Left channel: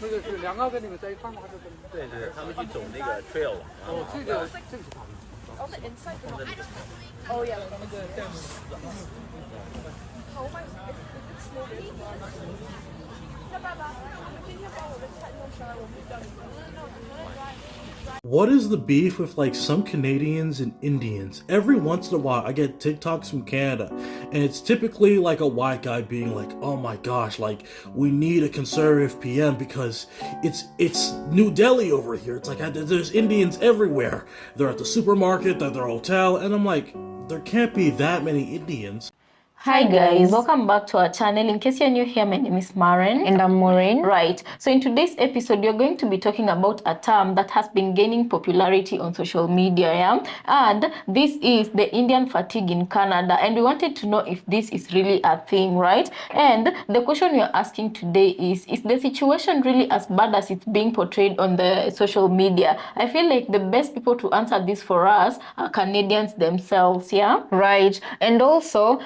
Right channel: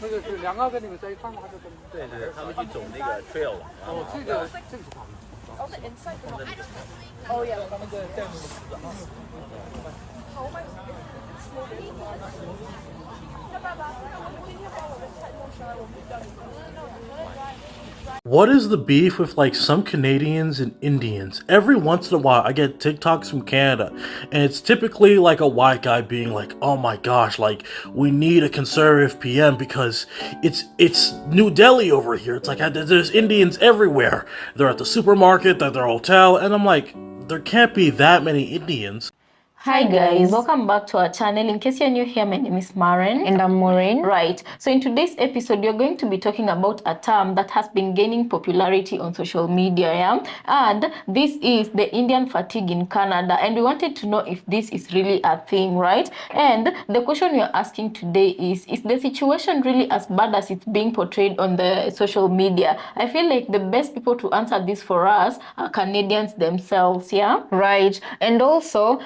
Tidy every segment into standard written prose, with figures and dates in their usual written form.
那个是两个跟你们在一块吗？还是跟？对对，他们去走那个 trail 了。哦，这个是他们。On the inside, but not. Oh yeah. How am I? It's slowly. 那爸爸，我今天把我的菜弄熟了，我们叫你。What is the beef with like some Canadians and Indians? Every once in a while, I get TikToks from Canada, and it's typically like a white guy being like, "Oh my gosh, like we need a conservative PM because it's New Delhi over here. It's like there's Indians everywhere. They're at the supermarket, they're at their hotel," and I'm like, there can't be that many Indians. Hi guys, welcome back to our channel. In case you're new here, my name is Maren. And I'm Maureen. Right, so in today's episode, we're going to be talking about a term that has been gaining popularity on social media, yeah? And this is the Indian fatigue in Canada. And we wanted to know if this is really a thing, right? And the question we're asking today is the situation really as bad as it's being portrayed on the social media? I feel like the best people to answer this for us are Canadians themselves, yeah? Right, and also,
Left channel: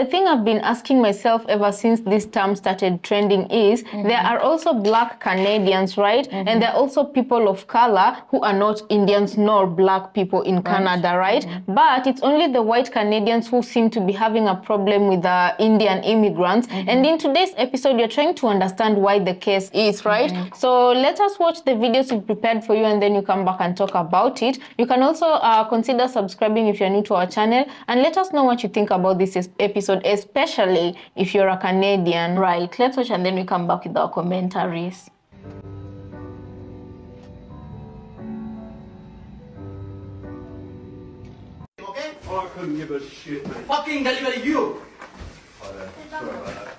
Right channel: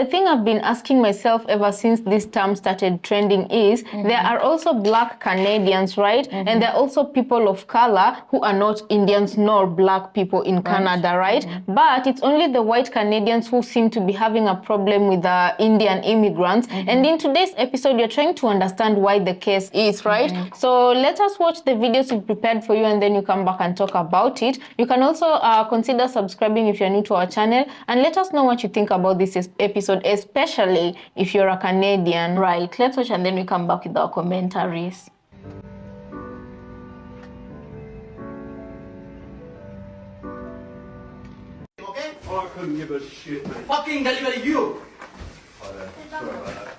the thing I've been asking myself ever since this term started trending is there are also Black Canadians, right? And there are also people of color who are not Indians nor Black people in Canada, right? But it's only the white Canadians who seem to be having a problem with the Indian immigrants. And in today's episode, we're trying to understand why the case is, right? So let us watch the videos we prepared for you and then you come back and talk about it. You can also consider subscribing if you're new to our channel and let us know what you think about this episode, especially if you're a Canadian. Right, let's watch and then we come back with our commentaries. Okay? Oh, I couldn't give a shit, man. Fucking delivery you. Sorry about that.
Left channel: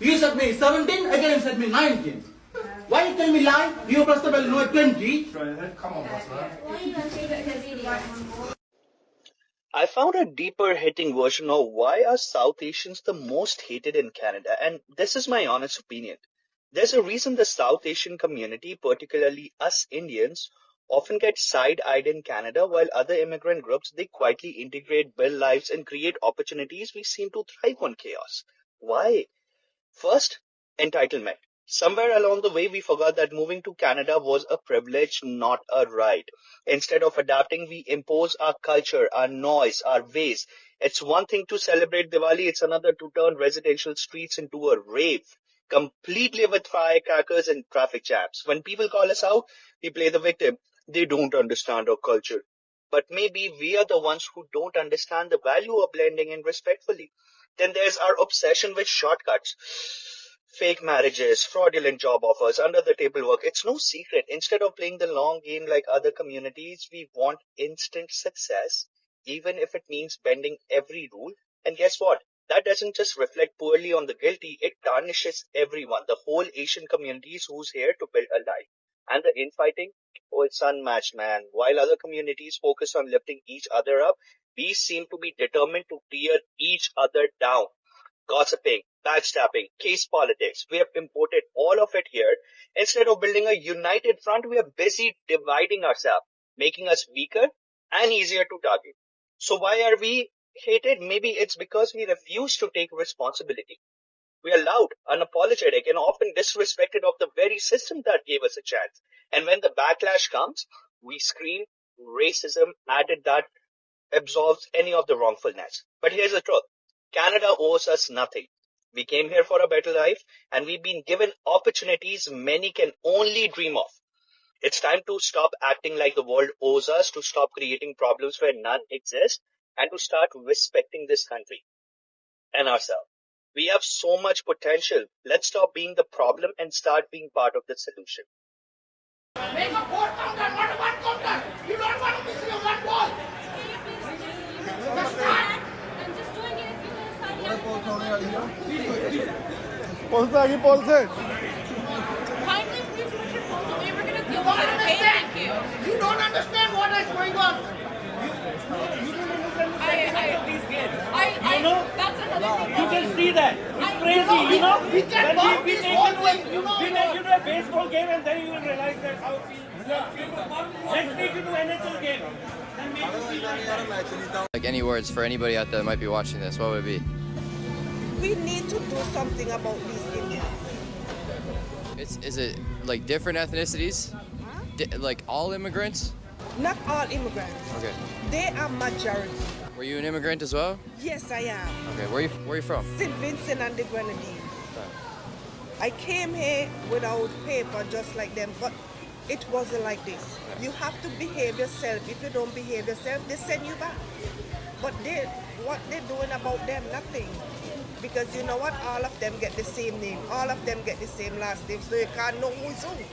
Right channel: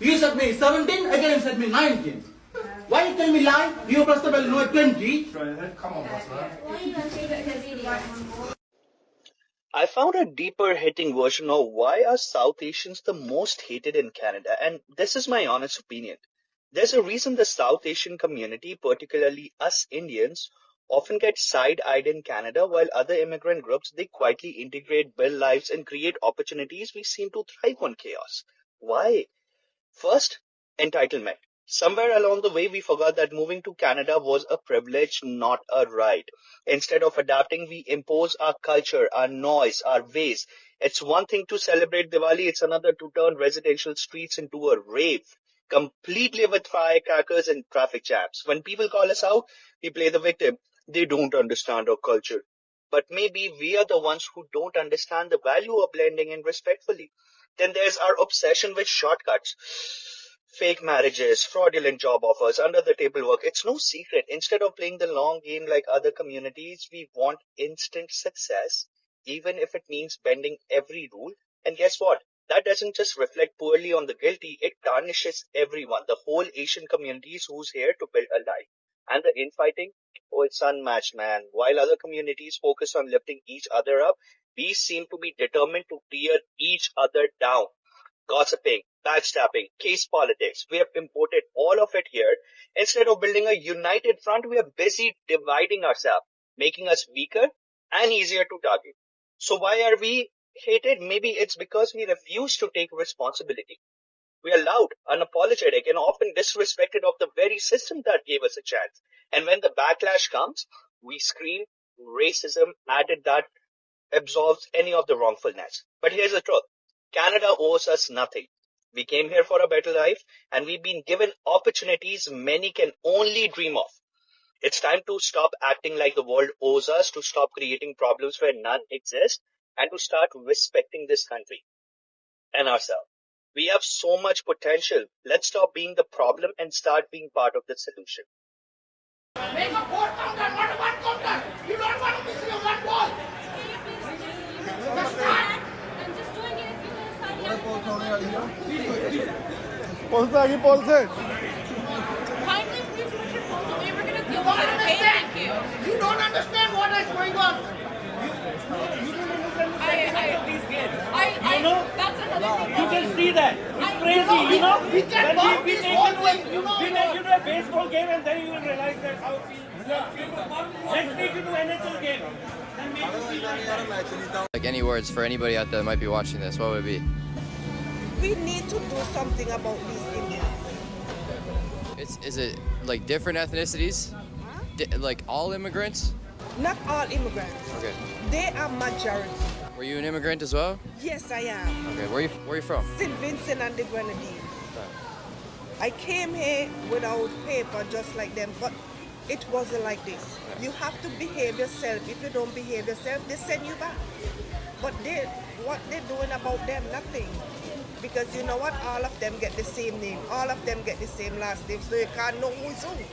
You said me 17, again you said me 19. Why you tell me lie? You first of all know 20. Try ahead. Come on, boss, man. I found a deeper hitting version of why are South Asians the most hated in Canada, and this is my honest opinion. There's a reason the South Asian community, particularly us Indians, often get side-eyed in Canada while other immigrant groups, they quietly integrate, build lives and create opportunities. We seem to thrive on chaos. Why? First, entitlement. Somewhere along the way, we forgot that moving to Canada was a privilege, not a right. Instead of adapting, we impose our culture, our noise, our ways. It's one thing to celebrate Diwali, it's another to turn residential streets into a rave, completely with firecrackers and traffic jams. When people call us out, we play the victim. They don't understand our culture. But maybe we are the ones who don't understand the value of blending in respectfully. Then there's our obsession with shortcuts. Fake marriages, fraudulent job offers, under the table work. It's no secret. Instead of playing the long game like other communities, we want instant success, even if it means bending every rule. And guess what? That doesn't just reflect poorly on the guilty, it tarnishes everyone, the whole Asian communities who's here to build a life. And the infighting? Oh, it's unmatched, man. While other communities focus on lifting each other up, we seem to be determined to tear each other down. Gossiping, backstabbing, case politics. We have imported all of it here. Instead of building a united front, we are busy dividing ourselves, making us weaker and easier to target. So why are we hated? Maybe it's because we refuse to take responsibility. We are loud, unapologetic, and often disrespected of the very system that gave us a chance. And when the backlash comes, we scream racism added that absolves any of the wrongfulness. But here's the truth. Canada owes us nothing. We came here for a better life and we've been given opportunities many can only dream of. It's time to stop acting like the world owes us, to stop creating problems where none exist, and to start respecting this country and ourselves. We have so much potential. Let's stop being the problem and start being part of the solution. Make a 4 counter, not a 1 counter. You don't want to miss your 1 ball. Just start. I'm just doing it if you guys have kindly please put your phones away. We're gonna deal with it, okay? Thank you. You don't understand what is going on. That's another thing. You can see that. It's crazy, you know? We can walk this whole way, you know. We take you to a baseball game and then you will realize that how it feels. Let's take you to NHL game. Like any words for anybody out there that might be watching this, what would it be? We need to do something about these Is it like different ethnicities? Like all immigrants? Not all immigrants. Okay. They are majority. Were you an immigrant as well? Yes, I am. Okay. Where are you from? St. Vincent and the Grenadines. I came here without paper just like them, but it wasn't like this. You have to behave yourself. If you don't behave yourself, they send you back. But what they're doing about them, nothing. Because you know what? All of them get the same name. All of them get the same last name, so you can't know who's who.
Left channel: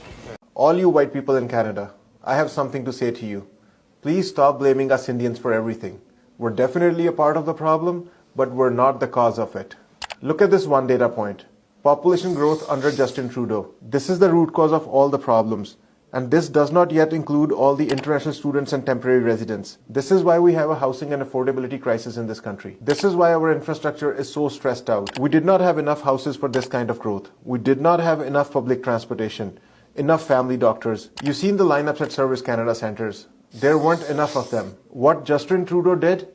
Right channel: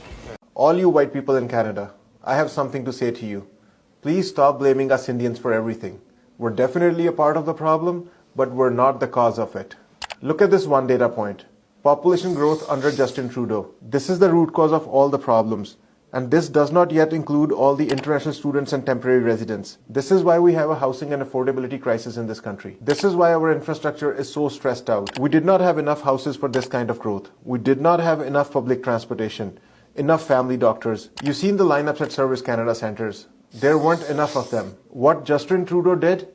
All you white people in Canada, I have something to say to you. Please stop blaming us Indians for everything. We're definitely a part of the problem, but we're not the cause of it. Look at this one data point. Population growth under Justin Trudeau. This is the root cause of all the problems. And this does not yet include all the international students and temporary residents. This is why we have a housing and affordability crisis in this country. This is why our infrastructure is so stressed out. We did not have enough houses for this kind of growth. We did not have enough public transportation, enough family doctors. You've seen the lineups at Service Canada centres. There weren't enough of them. What Justin Trudeau did,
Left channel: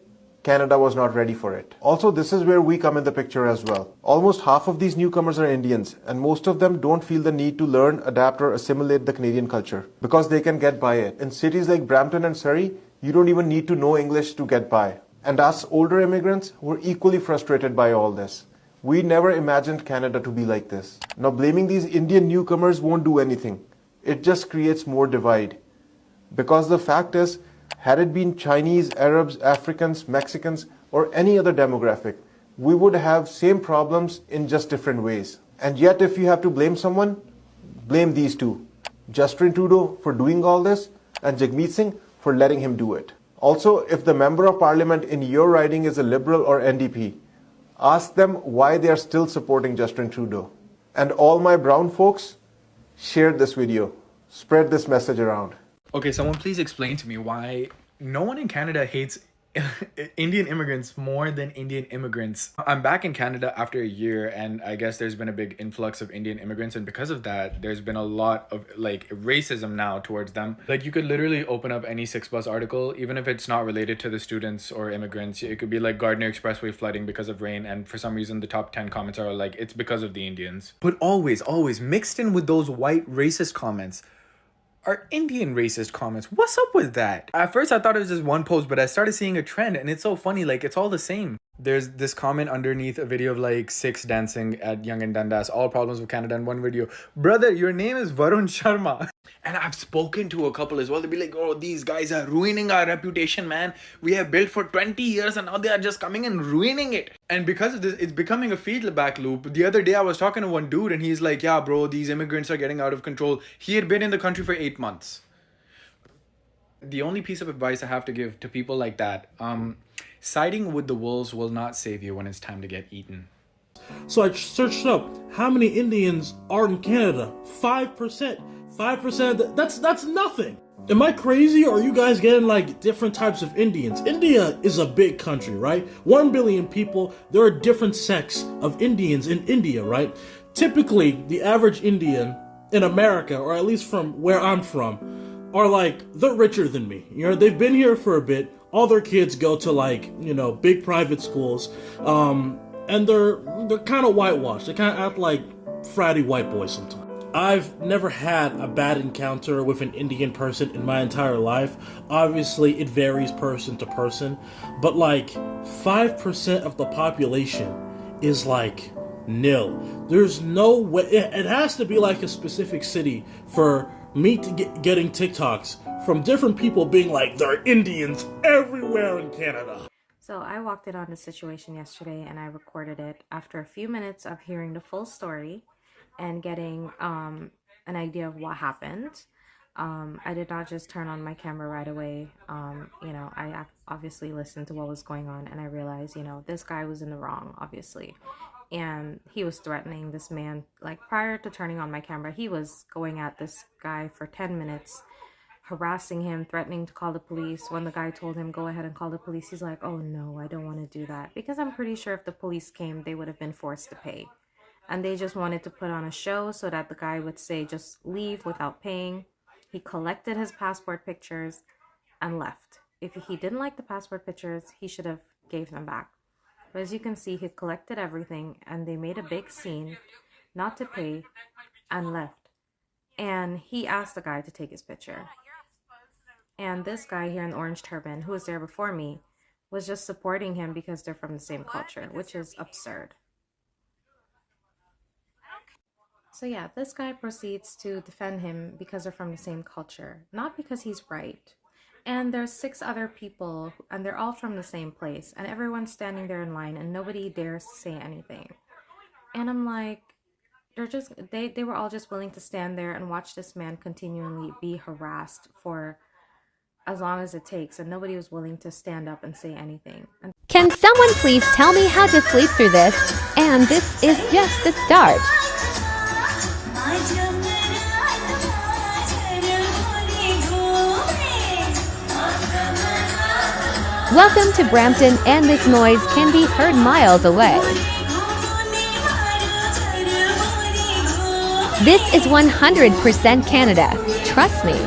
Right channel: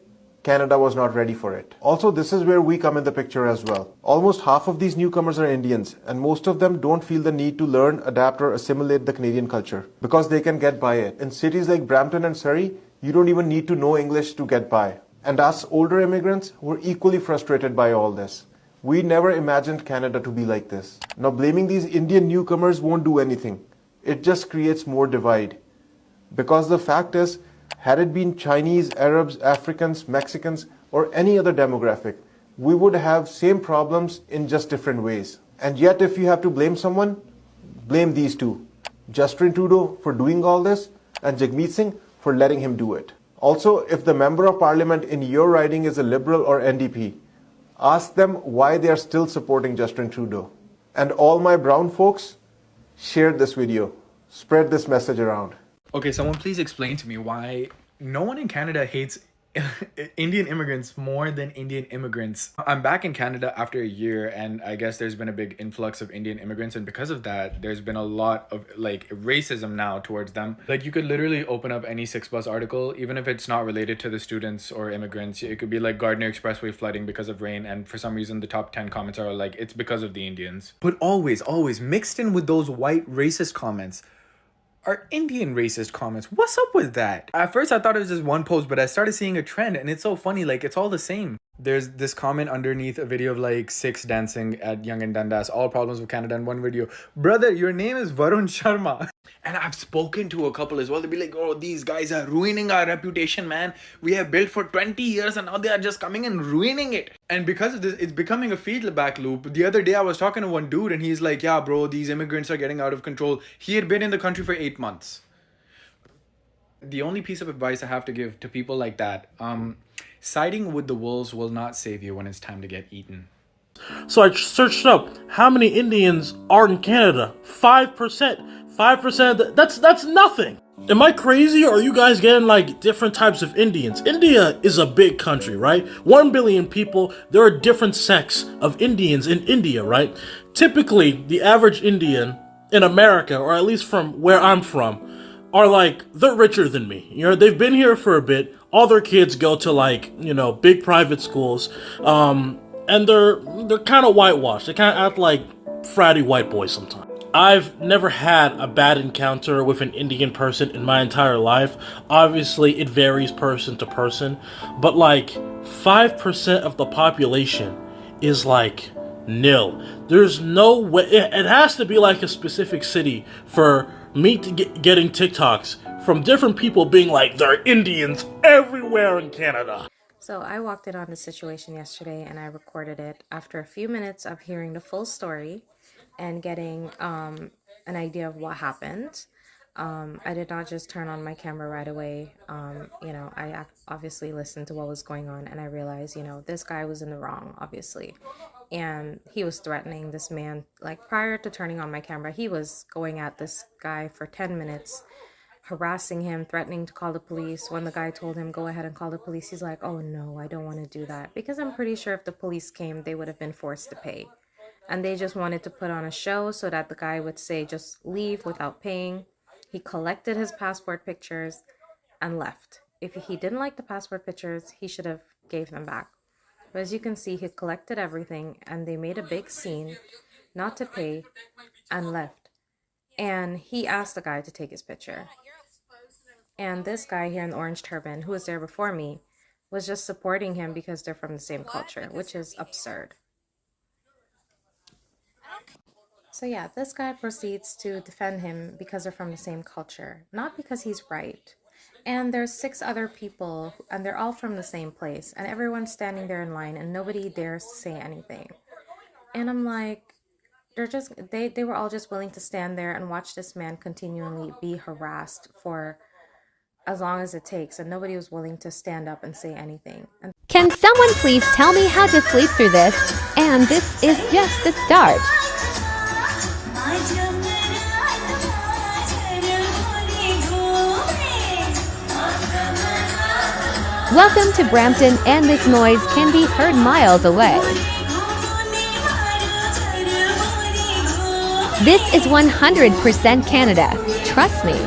Canada was not ready for it. Also, this is where we come in the picture as well. Almost half of these newcomers are Indians, and most of them don't feel the need to learn, adapt, or assimilate the Canadian culture because they can get by it. In cities like Brampton and Surrey, you don't even need to know English to get by. And us older immigrants were equally frustrated by all this. We never imagined Canada to be like this. Now, blaming these Indian newcomers won't do anything. It just creates more divide. Because the fact is, had it been Chinese, Arabs, Africans, Mexicans, or any other demographic, we would have same problems in just different ways. And yet, if you have to blame someone, blame these two. Justin Trudeau for doing all this, and Jagmeet Singh for letting him do it. Also, if the Member of Parliament in your riding is a Liberal or NDP, ask them why they are still supporting Justin Trudeau. And all my brown folks, share this video. Spread this message around. Okay, someone please explain to me why no one in Canada hates Indian immigrants more than Indian immigrants. I'm back in Canada after a year, and I guess there's been a big influx of Indian immigrants, and because of that, there's been a lot of like racism now towards them. Like you could literally open up any 6plus article, even if it's not related to the students or immigrants. It could be like Gardner Expressway flooding because of rain, and for some reason the top 10 comments are like, it's because of the Indians. But always mixed in with those white racist comments are Indian racist comments. What's up with that? At first I thought it was just one post, but I started seeing a trend, and it's so funny, like it's all the same. There's this comment underneath a video of like 6 dancing at Young and Dundas, all problems with Canada in one video. Brother, your name is Varun Sharma. And I've spoken to a couple as well. They'll be like, oh, these guys are ruining our reputation, man. We have built for 20 years and now they are just coming and ruining it. And because of this, it's becoming a feedback loop. The other day I was talking to one dude and he's like, yeah, bro, these immigrants are getting out of control. He had been in the country for 8 months. The only piece of advice I have to give to people like that, siding with the wolves will not save you when it's time to get eaten. So I searched up how many Indians are in Canada. 5%. 5%. That's nothing. Am I crazy, or are you guys getting like different types of Indians? India is a big country, right? 1 billion people. There are different sects of Indians in India, right? Typically, the average Indian in America, or at least from where I'm from, are like, they're richer than me. You know, they've been here for a bit. All their kids go to like, you know, big private schools. And they're kind of whitewashed. They kind of act like fratty white boys sometimes. I've never had a bad encounter with an Indian person in my entire life. Obviously, it varies person to person. But like 5% of the population is like nil. There's no way. It has to be like a specific city for me to getting TikToks from different people being like, there are Indians everywhere in Canada. So I walked in on this situation yesterday and I recorded it after a few minutes of hearing the full story and getting an idea of what happened. I did not just turn on my camera right away. You know, I obviously listened to what was going on and I realized, you know, this guy was in the wrong, obviously. And he was threatening this man, like prior to turning on my camera, he was going at this guy for 10 minutes, harassing him, threatening to call the police. When the guy told him, go ahead and call the police, he's like, oh no, I don't want to do that. Because I'm pretty sure if the police came, they would have been forced to pay. And they just wanted to put on a show so that the guy would say, just leave without paying. He collected his passport pictures and left. If he didn't like the passport pictures, he should have gave them back. But as you can see, he collected everything and they made a big scene not to pay and left. And he asked the guy to take his picture. And this guy here in the orange turban, who was there before me, was just supporting him because they're from the same culture, which is absurd. So yeah, this guy proceeds to defend him because they're from the same culture, not because he's right. And there's 6 other people, and they're all from the same place, and everyone's standing there in line, and nobody dares to say anything. And I'm like, they were all just willing to stand there and watch this man continually be harassed for as long as it takes, and nobody was willing to stand up and say anything. Can someone please tell me how to sleep through this? And this is just the start. Welcome to Brampton, and this noise can be heard miles away. This is 100% Canada. Trust me.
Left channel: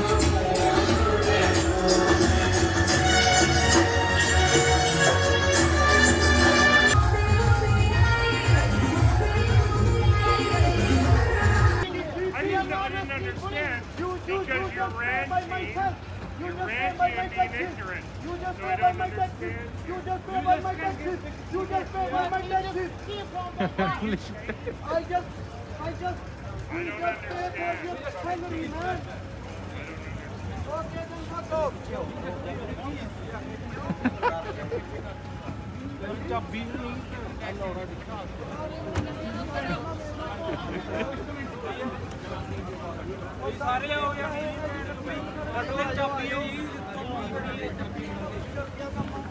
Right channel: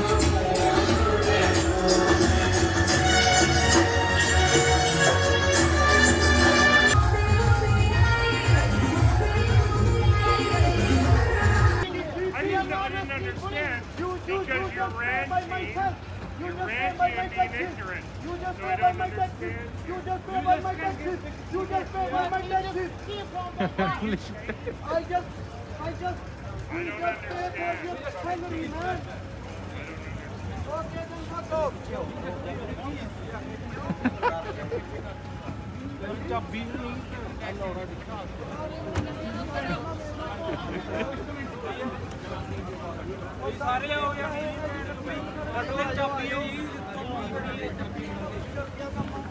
I didn't understand because you're ranty. You're ranty and being ignorant. So I don't understand. You just pay by my taxes. You just pay by my taxes. I just pay for your salary, man. Okay, then fuck off.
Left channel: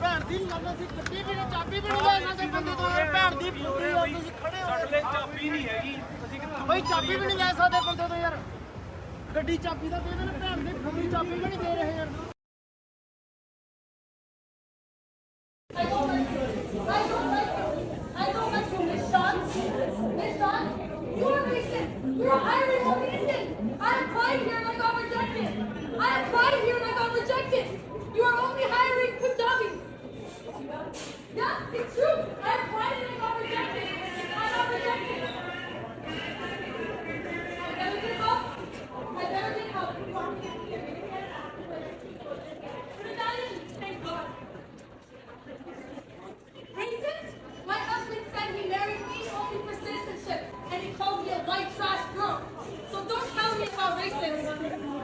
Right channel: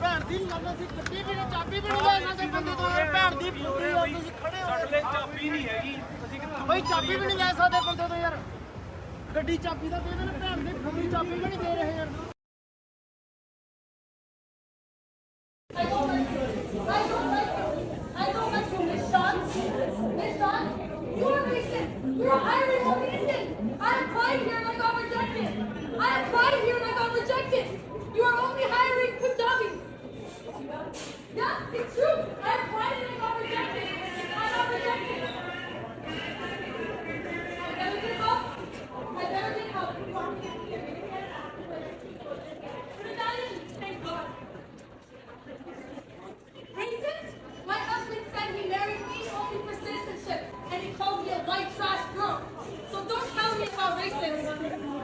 ਭੈਣ ਦੀ ਲੰਨਾ ਸੀ ਗੱਡੀ ਵੀ ਚਾਬੀ ਵੀ ਨਹੀਂ ਲੈ ਸਕਦੇ ਬੰਦੇ ਤੋਂ ਯਾਰ ਭੈਣ ਦੀ ਪੂਰੀ ਹੋ ਤੁਸੀਂ ਖੜੇ ਹੋ ਸਾਡੇ ਚਾਬੀ ਨਹੀਂ ਹੈਗੀ ਅਸੀਂ ਬਈ ਚਾਬੀ ਵੀ ਨਹੀਂ ਲੈ ਸਕਦੇ ਬੰਦੇ ਤੋਂ ਯਾਰ ਗੱਡੀ ਚਾਬੀ ਦਾ ਦੇ ਦੇਣ ਭੈਣ ਦੀ ਪੂਰੀ ਚਾਬੀ ਵੀ ਨਹੀਂ ਦੇ ਰਹੇ ਯਾਰ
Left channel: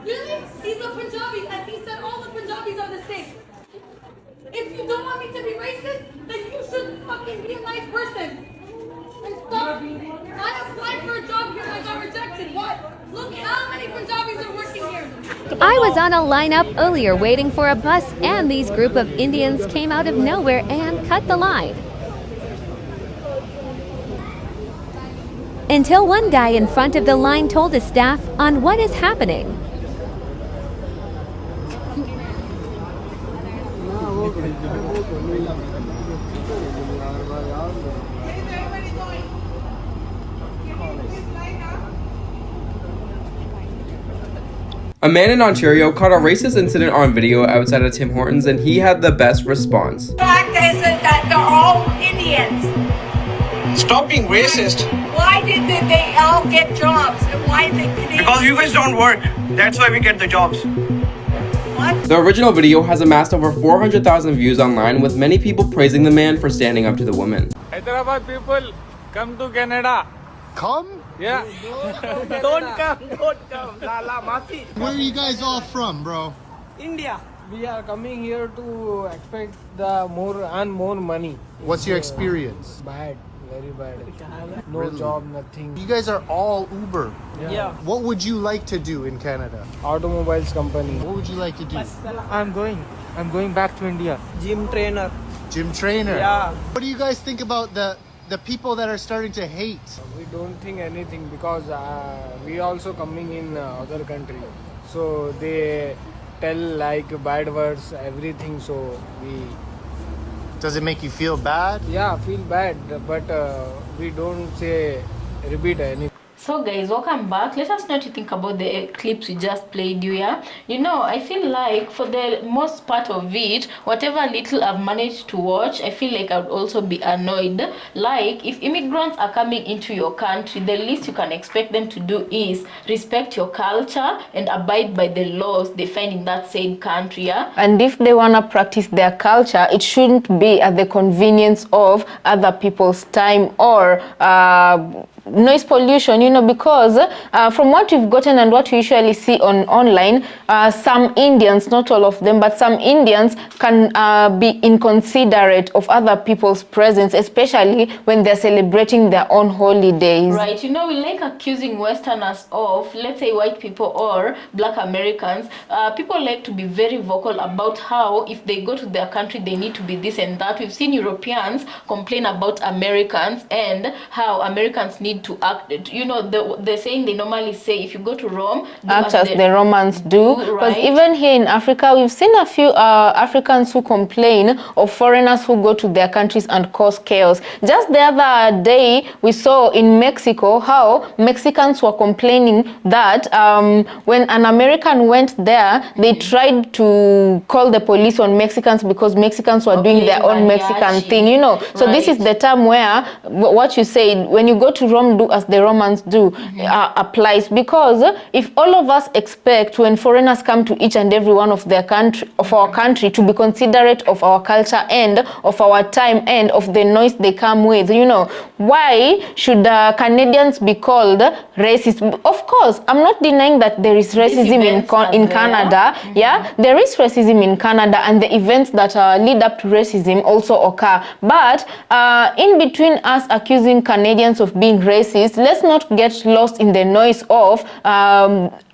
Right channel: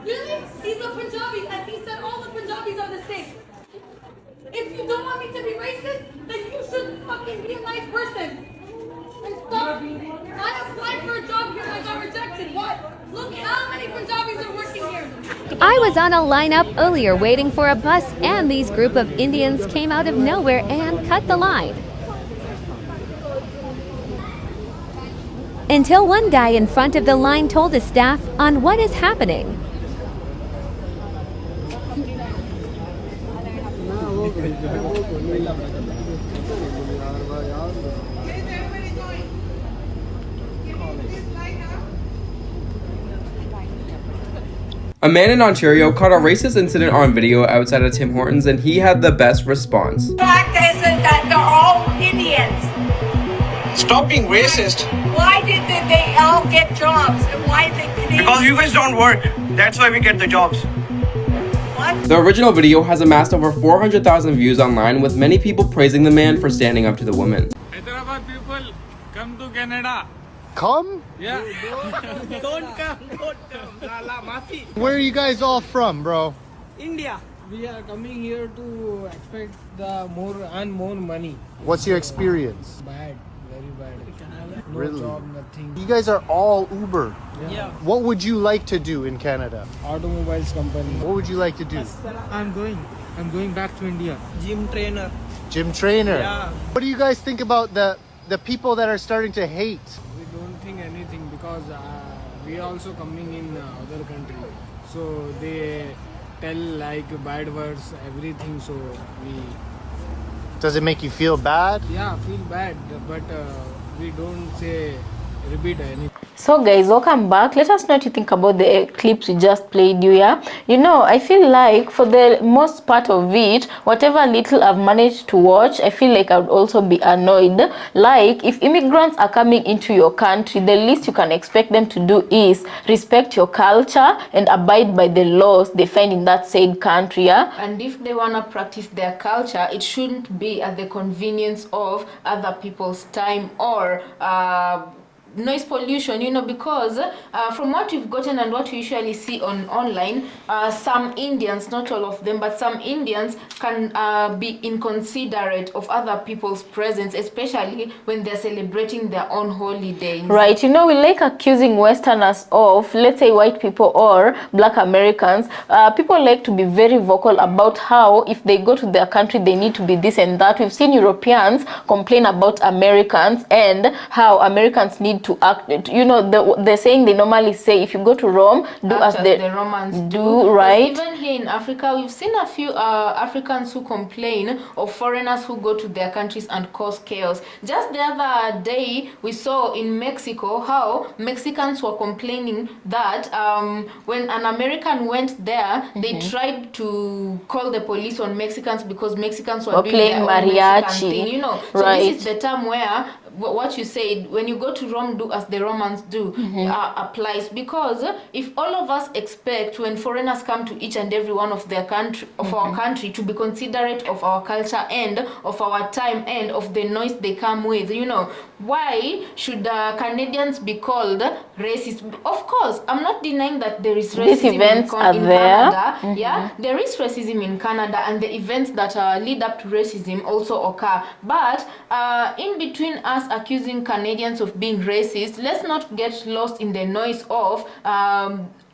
Really? He's a Punjabi and he said all the Punjabis are the same. If you don't want me to be racist, then you should fucking be a nice person. And stop. I applied for a job here and I got rejected. What? Look how many Punjabis are working here. I was on a lineup earlier waiting for a bus, and these group of Indians came out of nowhere and cut the line. Until one guy in front of the line told the staff on what is happening. A man in Ontario caught a racist incident on video outside of Tim Hortons, and he had the best response. The fact is that they're all Indians. Stop being racist. Why did they all get jobs? And why did they? Because you guys don't work. That's why we get the jobs. What? The original video has amassed over 400,000 views online, with many people praising the man for standing up to the woman. Hyderabad people, come to Canada. Come? Yeah. Don't come. Lala, Masi. Where are you guys all from, bro? India. We are coming here to expect earn more money. What's your experience? Bad. Very bad. No Really? job, nothing. You guys are all Uber. Yeah. What would you like to do in Canada? Automobiles company. What would you like to do? I'm going back to India. Gym trainer. Gym trainer? Yeah. What do you guys think about the people that are starting to hate? We don't think anything because we also coming in other country. So they tell like bad words, everything. So we... Does it make you feel bad? Yeah, feel bad, but we don't say repeat anything. So guys, welcome back. Let us know what you think about the clips we just played you, yeah? You know, I feel like for the most part of it, whatever little I've managed to watch, I feel like I would also be annoyed. Like, if immigrants are coming into your country, the least you can expect them to do is respect your culture and abide by the laws they find in that said country, yeah? And if they want to practice their culture, it shouldn't be at the convenience of other people's time or noise pollution, you know, because from what we've gotten and what we usually see on online, some Indians, not all of them, but some Indians can be inconsiderate of other people's presence, especially when they're celebrating their own holidays. Right, you know, we like accusing Westerners of, let's say, white people or Black Americans. People like to be very vocal about how if they go to their country, they need to be this and that. We've seen Europeans complain about Americans and how Americans need to act. You know, the saying they normally say, if you go to Rome, do act as the Romans do, right? Even here in Africa, we've seen a few Africans who complain of foreigners who go to their countries and cause chaos. Just the other day, we saw in Mexico how Mexicans were complaining that when an American went there, they tried to call the police on Mexicans because Mexicans were doing their own Mexican thing, you know. So this is the time where what you said, when you go to Rome, do as the Romans do, applies. Because if all of us expect when foreigners come to each and every one of their country, of our country, to be considerate of our culture and of our time and of the noise they come with, you know, why should Canadians be called racist? Of course, I'm not denying that there is racism in Canada. Yeah, there is racism in Canada, and the events that lead up to racism also occur. But in between us accusing Canadians of being racist, let's not get lost in the noise of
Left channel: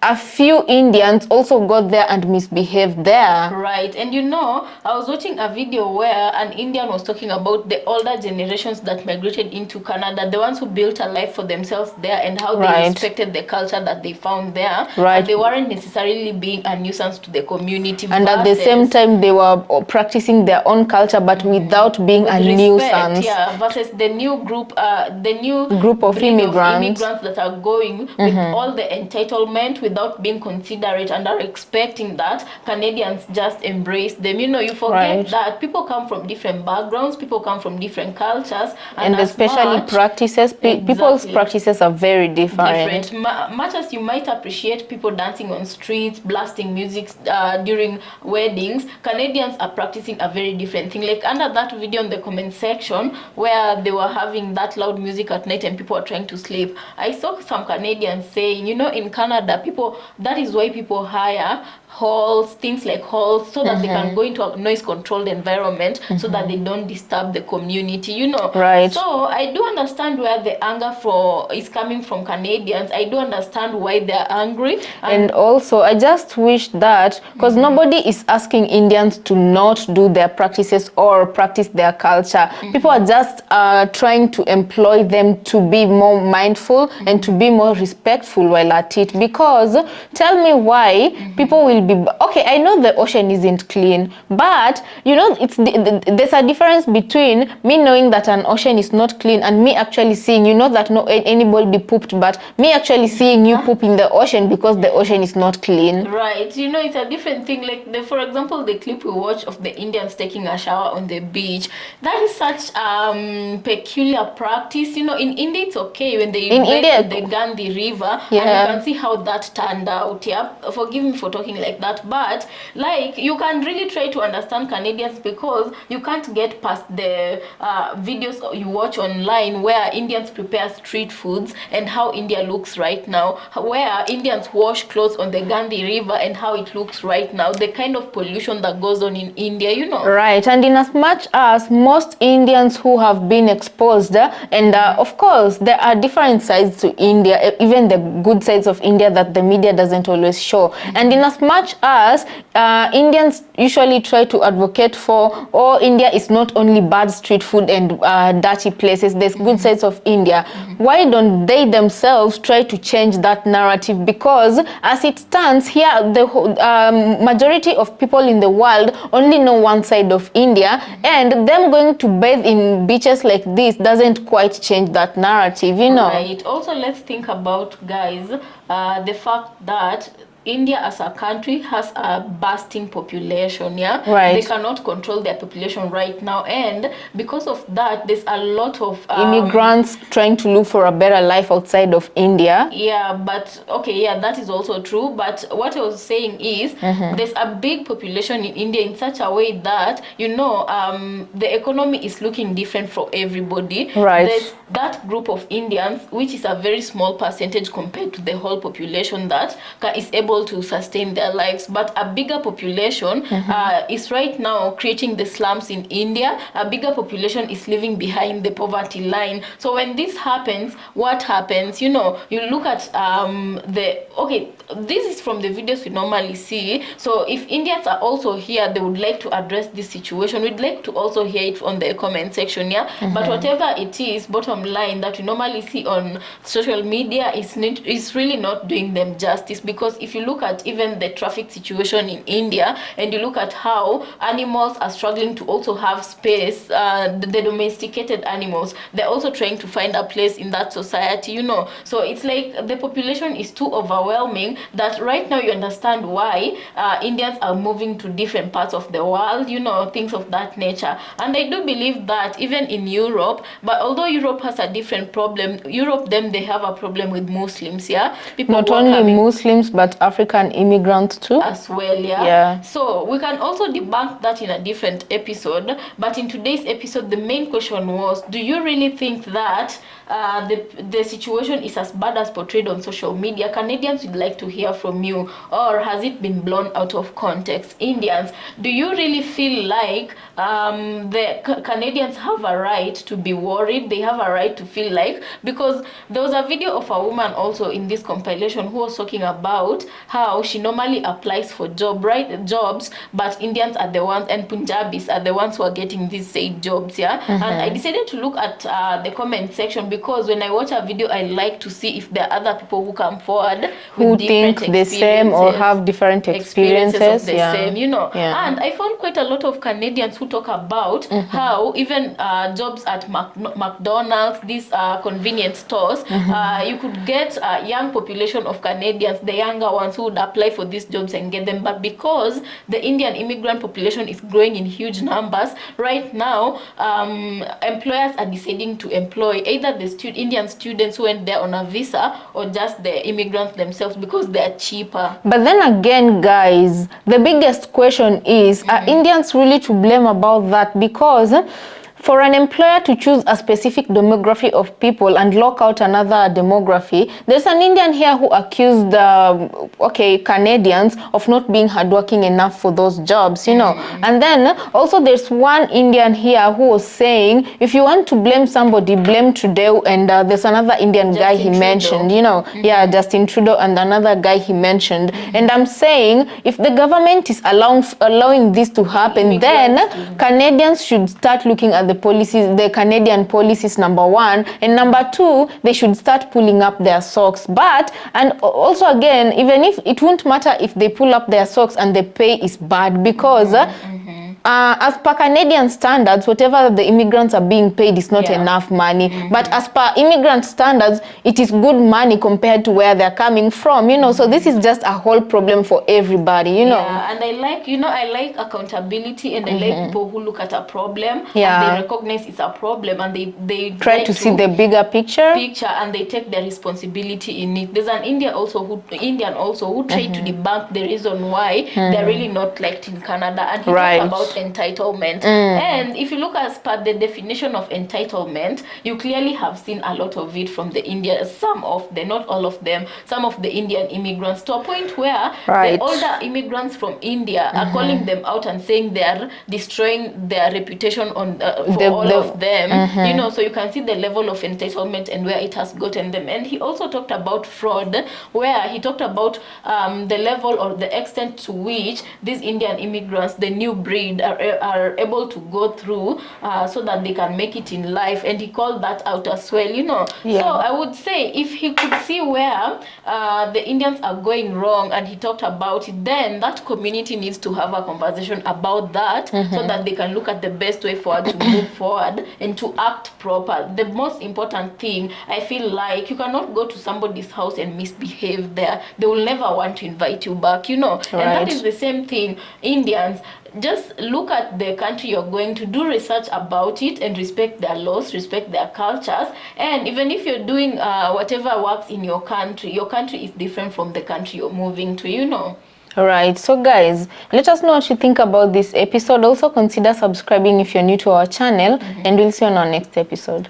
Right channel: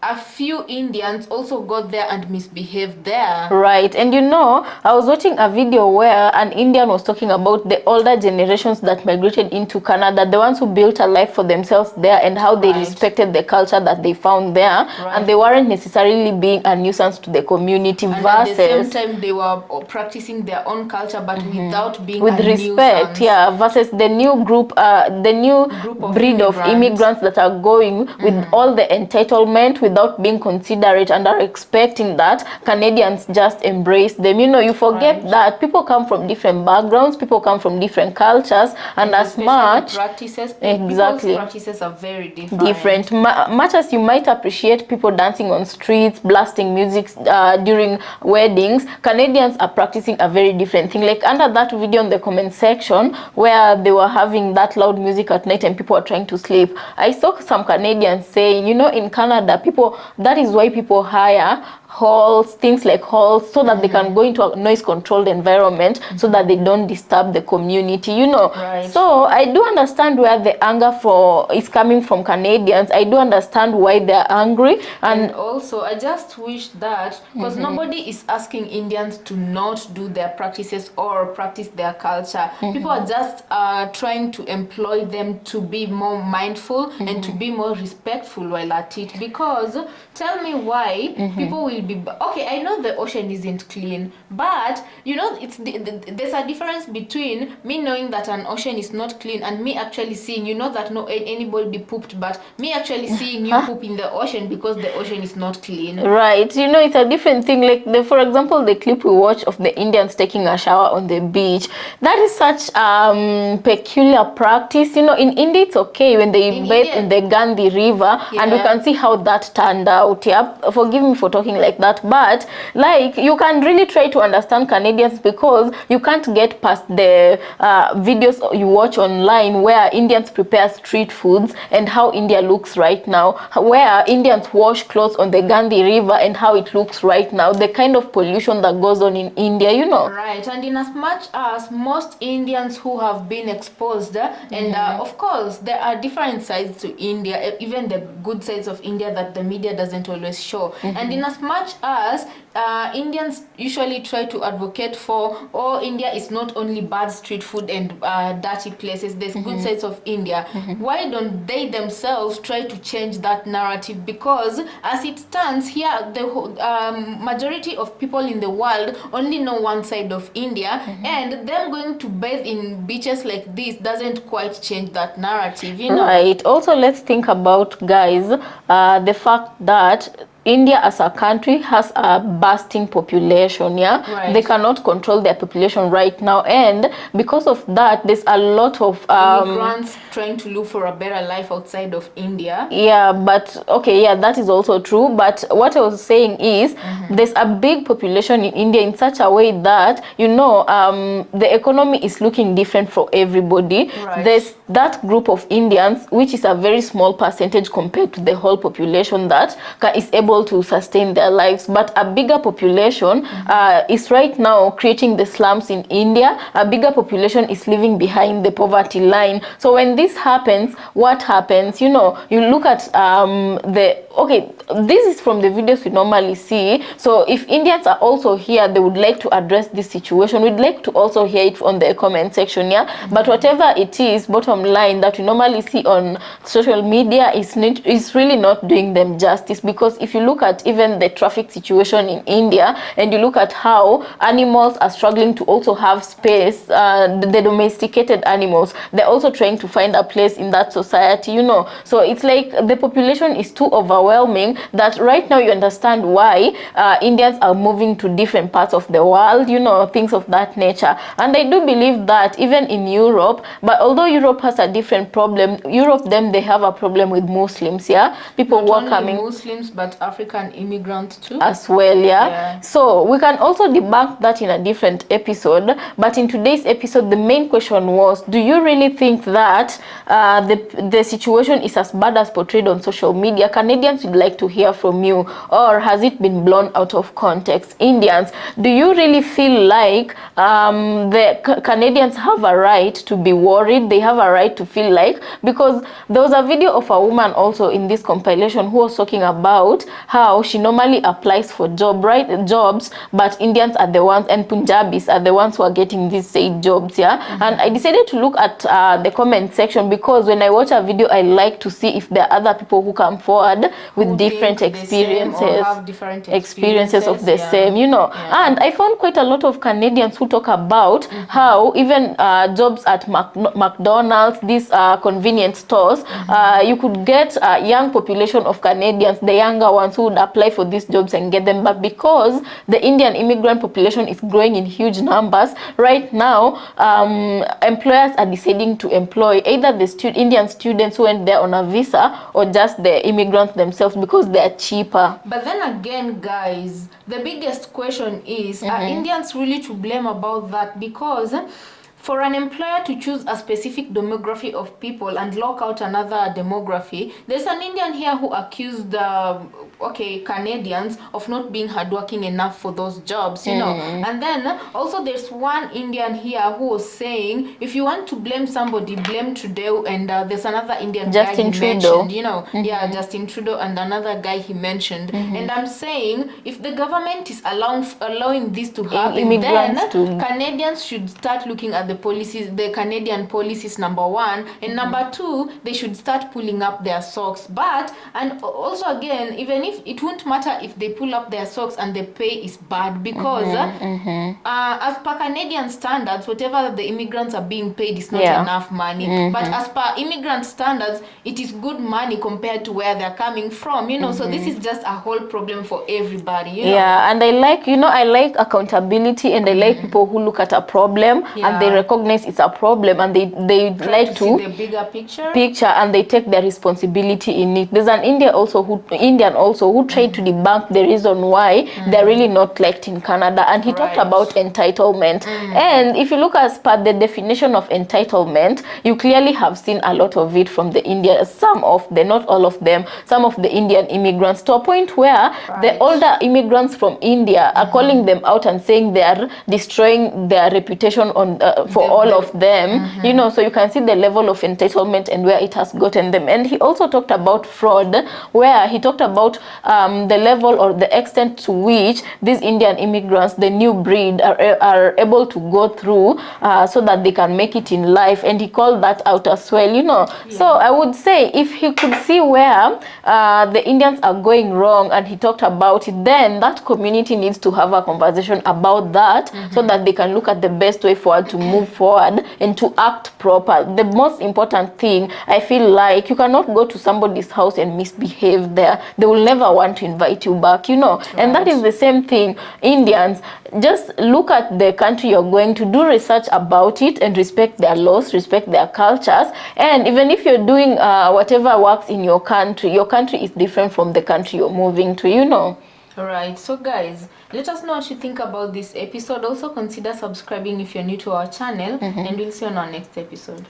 a few Indians also got there and misbehaved there. Right, and you know, I was watching a video where an Indian was talking about the older generations that migrated into Canada, the ones who built a life for themselves there and how they respected the culture that they found there. And they weren't necessarily being a nuisance to the community. And at the same time, they were practicing their own culture, but without being a nuisance. Yeah, versus the new group of immigrants that are going with all the entitlement, without being considerate and are expecting that Canadians just embrace them. You know, you forget that people come from different backgrounds, people come from different cultures, and especially practices. People's practices are very different. Much as you might appreciate people dancing on streets, blasting music during weddings, Canadians are practicing a very different thing. Like under that video in the comment section where they were having that loud music at night and people are trying to sleep, I saw some Canadians saying, you know, in Canada, that is why people hire halls, things like halls, so that they can go into a noise controlled environment so that they don't disturb the community, you know. So I do understand where the anger is coming from Canadians. I do understand why they're angry, and also I just wish that, because nobody is asking Indians to not do their practices or practice their culture. People are just trying to employ them to be more mindful and to be more respectful while at it. Because tell me why people will be okay. I know the ocean isn't clean, but you know, there's a difference between me knowing that an ocean is not clean and me actually seeing, you know, that no anybody pooped, but me actually seeing you poop in the ocean because the ocean is not clean. Right, you know, it's a different thing. Like for example, the clip we watched of the Indians taking a shower on the beach, that is such peculiar practice. You know, in India it's okay when they invade the Gandhi River, and we can see how that turned out. Yeah, forgive me for talking like that, but like you can really try to understand Canadians, because you can't get past the videos you watch online where Indians prepare street foods and how India looks right now, where Indians wash clothes on the Gandhi River and how it looks right now, the kind of pollution that goes on in India, you know. Right, and in as much as most Indians who have been exposed, and of course there are different sides to India, even the good sides of India that the media doesn't always show, and in as much much as Indians usually try to advocate for, India is not only bad street food and dirty places, there's good sides of India. Why don't they themselves try to change that narrative? Because as it stands here, the majority of people in the world only know one side of India, and them going to bathe in beaches like this doesn't quite change that narrative, you know. Right. Also, let's think about, guys, the fact that India as a country has a bursting population, yeah? Right. They cannot control their population right now, and because of that, there's a lot of immigrants trying to look for a better life outside of India. Yeah, but okay, yeah, that is also true. But what I was saying is there's a big population in India in such a way that, you know, the economy is looking different for everybody. Right. There's that group of Indians, which is a very small percentage compared to the whole population that is able to sustain their lives, but a bigger population is right now creating the slums in India. A bigger population is living behind the poverty line. So when this happens, what happens? You know, you look at this is from the videos we normally see. So if Indians are also here, they would like to address this situation. We'd like to also hear it on the comment section, yeah. But whatever it is, bottom line that we normally see on social media is really not doing them justice, because if you look at even the traffic situation in India, and you look at how animals are struggling to also have space, the domesticated animals, they're also trying to find a place in that society, you know. So it's like the population is too overwhelming that right now you understand why Indians are moving to different parts of the world, you know, things of that nature. And I do believe that even in Europe, but although Europe has a different problem, they have a problem with Muslims, yeah. People not only Muslims but African immigrants too as well, yeah. So we can also debunk that in a different episode, but in today's episode the main question was, do you really think that the situation is as bad as portrayed on social media? Canadians would like to hear from you. Or has it been blown out of context? Indians, do you really feel like the Canadians have a right to be worried? They have a right to feel like, because there was a video of a woman also in this compilation who was talking about how she normally applies for jobs, but Indians are the ones, and Punjabis are the ones who are getting these said jobs, yeah. And I decided to look at the comment section, because when I watch a video, I like to see if there are other people who come forward with different experiences, the same or have different experiences of the same, you know. And I found quite a lot of Canadians who talk about how even jobs at McDonald's, these convenience stores, you could get a young population of Canadians, the younger ones, who would apply for these jobs and get them. But because the Indian immigrant population is growing in huge numbers right now, employers are deciding to employ either the Indian students who went there on a visa, or just the immigrants themselves, because they're cheaper. But then again, guys, the biggest question is, are Indians really to blame about that? Because for an employer to choose a specific demography of people and lock out another demography, there's an Indian here who accused Canadians of not being hardworking enough for those jobs, you know. And then also there's one Indian here who was saying, if you want to blame somebody, blame Trudeau. And there's another Indian guy he mentioned, you know, Justin Trudeau, and another guy he mentioned. And I'm saying, if the government is allowing this to happen, then Canadians should start looking at the policies, the Canadian policies, number one, and number two, they should start pulling up their socks. But, and also again, even if it won't matter if they pull up their socks and the pay is bad, because as per Canadian standards, whatever the immigrants are being paid is not enough money. But as per immigrant standards, it is good money compared to where they're coming from, you know. So this is just a whole problem for everybody, you know. Yeah, and I like accountability, and I like people who look at a problem and they recognize it's a problem, and they try to see the bigger picture, and they take their responsibility in it. There's an Indian also who tried to debunk the reason why they're really not liked in Canada, and he talked about entitlement. And if you look as per the definition of entitlement, you clearly have seen a lot of it from the Indians, not all of them, some of the Indian immigrants, to a point where the older immigrants from India are calling them out and saying they are destroying their reputation on all of them, you know, so you can see the level of entitlement and where it has gotten them. And he also talked about fraud, where he talked about the level or the extent to which these Indian immigrants, the new breed, are able to go through so that they can make it in life. And he called that out as well, you know. So I would say if he could see where the Indians are going wrong and he talked about it, then that community needs to have a conversation about that so that they can look at the best way forward to move forward and to act proper. The most important thing, I feel like, you cannot go to somebody's house and misbehave there. They will never want to invite you back, you know. And that is the same thing. Indians, just look at the country you're going to, do research about it and respect their laws, respect their cultures. And even if you're doing whatever works in your country is different from the country you're moving to, you know. All right, so guys, let us know what you think about this episode. Also consider subscribing if you're new to our channel, and we'll see you on our next episode.